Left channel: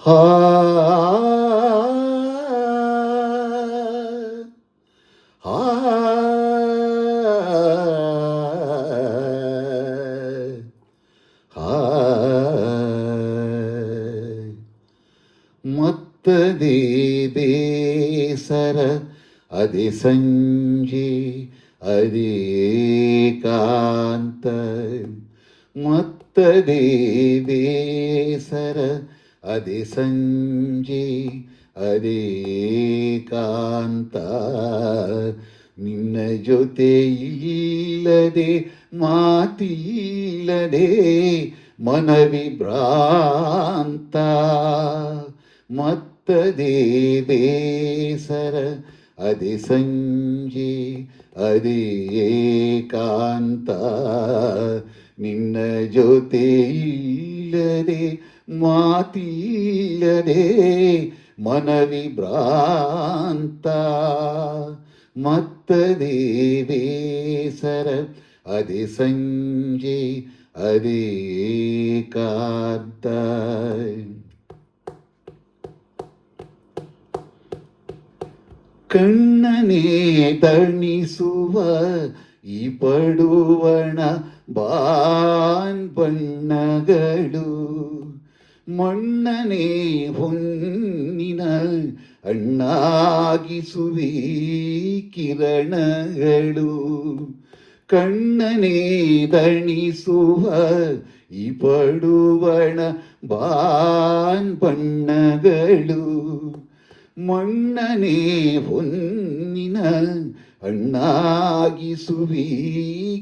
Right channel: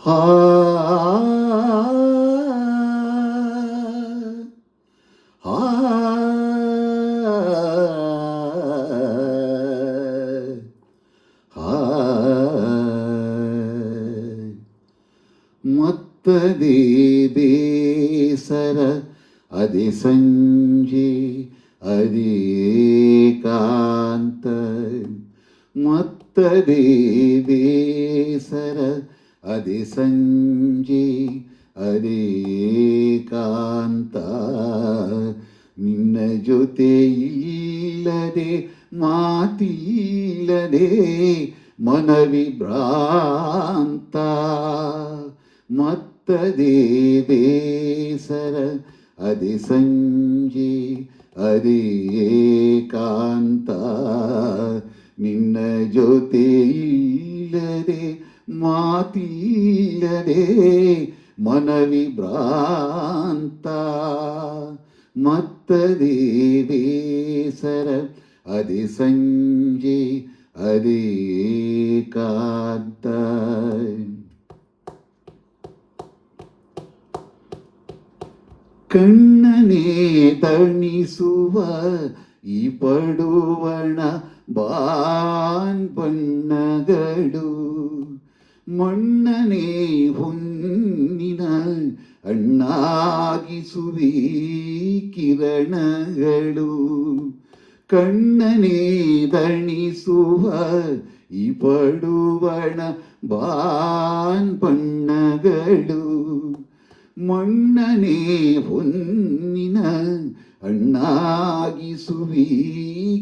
ಹಾ ಮತ್ತದೇ ಬೇಸರ ಅದೇ ಸಂಜೆ ಅದೇ ಏಕಾಂತ ಮತ್ತದೇ ಬೇಸರ ಅದೇ ಸಂಜೆ ಅದೇ ಏಕಾಂತ ನಿನ್ನ ಜೊತೆ ಇಲ್ಲದೆ ಮಾತಿಲ್ಲದೆ ಮನವಿಭ್ರಾಂತ ಮತ್ತದೇ ಬೇಸರ ಅದೇ ಸಂಜೆ ಅದೇ ಏಕಾಂತ ನಿನ್ನ ಜೊತೆ ಇಲ್ಲದೆ ಮಾತಿಲ್ಲದೆ ಮನವಿಭ್ರಾಂತ ಮತ್ತದೇ ಬೇಸರ ಅದೇ ಸಂಜೆ ಅದೇ ಏಕಾಂತ ಕಣ್ಣನೇ ತಣಿಸುವ ಈ ಪಡುವಣ ಬಾನ್ ಬಣ್ಣಗಳು ಮಣ್ಣನೇ ಹೊನ್ನಿನ ಅಣ್ಣಾಗಿಸುವಿ ಕಿರಣಗಳು ಕಣ್ಣನೇ ದಣಿಸುವ ಈ ಪಡುವಣ ಬಾನ್ ಬಣ್ಣಗಳು ಮಣ್ಣನೇ ಹೊನ್ನಿನ ಅಣ್ಣಾಗಿಸುವಿ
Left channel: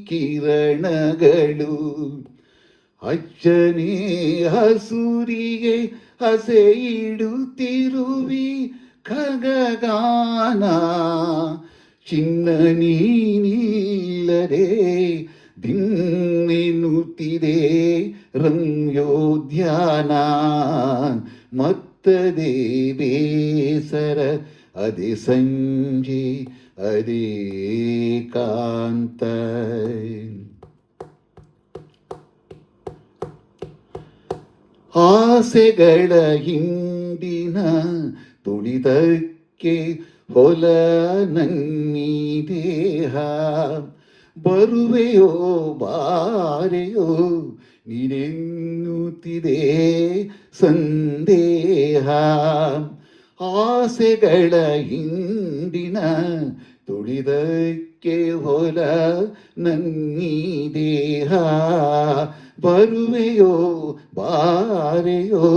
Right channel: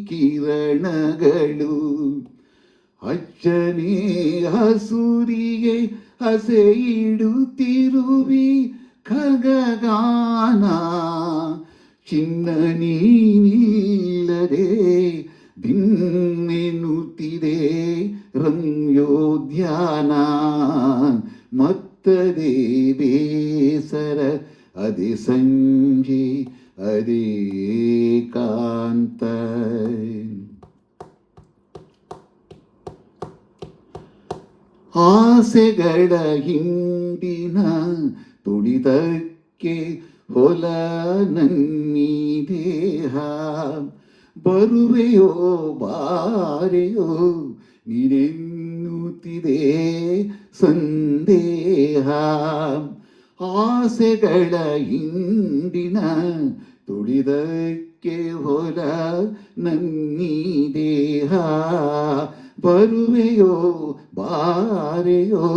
ಕಿರಣಗಳು ಅಚ್ಚನೇ ಹಸುರಿಗೆ ಹಸೆ ಇಡುತ್ತಿರುವಿ ಖಗಗಾನ ಚಿನ್ನ ನೀನಿಲ್ಲದೆ ದಿನ್ನೆನ್ನುತ್ತಿದೆ ರಮ್ಯೋದ್ಯಾನ ಮತ್ತದೇ ಬೇಸರ ಅದೇ ಸಂಜೆ ಅದೇ ಏಕಾಂತ ಆಸೆಗಳ ಹಿಂದಿನ ತುಳಿದಕ್ಕೆ ಹೊಲ ನನ್ನೀ ದೇಹ ಬರುವೆಯೋ ಬಾರೆಯೋ ನೀನೆನ್ನುತ್ತಿದೆ ಸಂದೇಹ ಆಸೆಗಳ ಹಿಂದಿನ ತುಳಿದಕ್ಕೆ ಹೊಲ ನನ್ನೀ ದೇಹ ಬರುವೆಯೋ ಬಾರೆಯೋ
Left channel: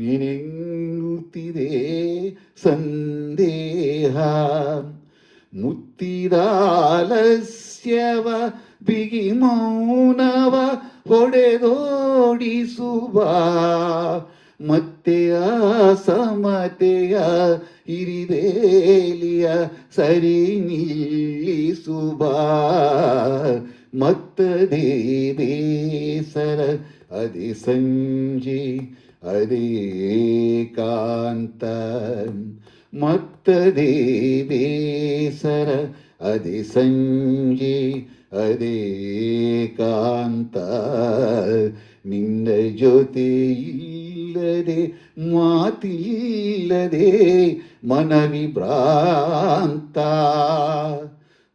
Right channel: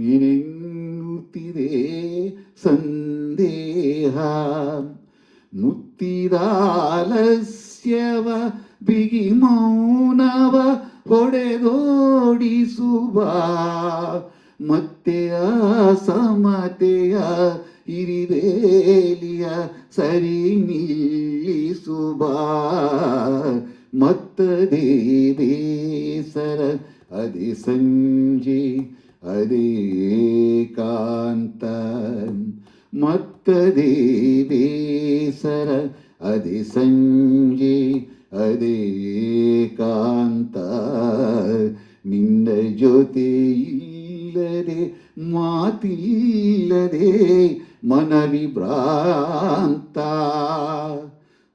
ನೀನೆನ್ನುತ್ತಿದೆ ಸಂದೇಹ ಮುತ್ತಿದಾಲಸ್ಯವ ಬಿಗಿ ಮೌನವ ಹೊಡೆದೋಡಿಸುವ ಮತ್ತೆ ಆ ಸಮತೆಯ ಹಿರಿವೇಲಿಯ ಸರಿ ನಿಲ್ಲಿಸುವ ಮತ್ತದೇ ಬೇಸರ ಅದೇ ಸಂಜೆ ಅದೇ ಏಕಾಂತ ಮತ್ತದೇ ಬೇಸರ ಅದೇ ಸಂಜೆ ಅದೇ ಏಕಾಂತ ನಿನ್ನ ಜೊತೆ ಇಲ್ಲದೆ ಮಾತಿಲ್ಲದೆ ಮನವಿಭ್ರಾಂತ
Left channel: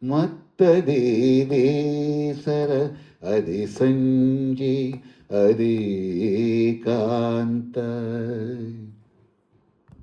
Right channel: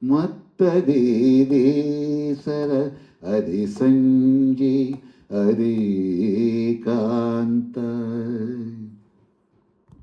ಮತ್ತದೇ ಬೇಸರ ಅದೇ ಸಂಜೆ ಅದೇ ಏಕಾಂತ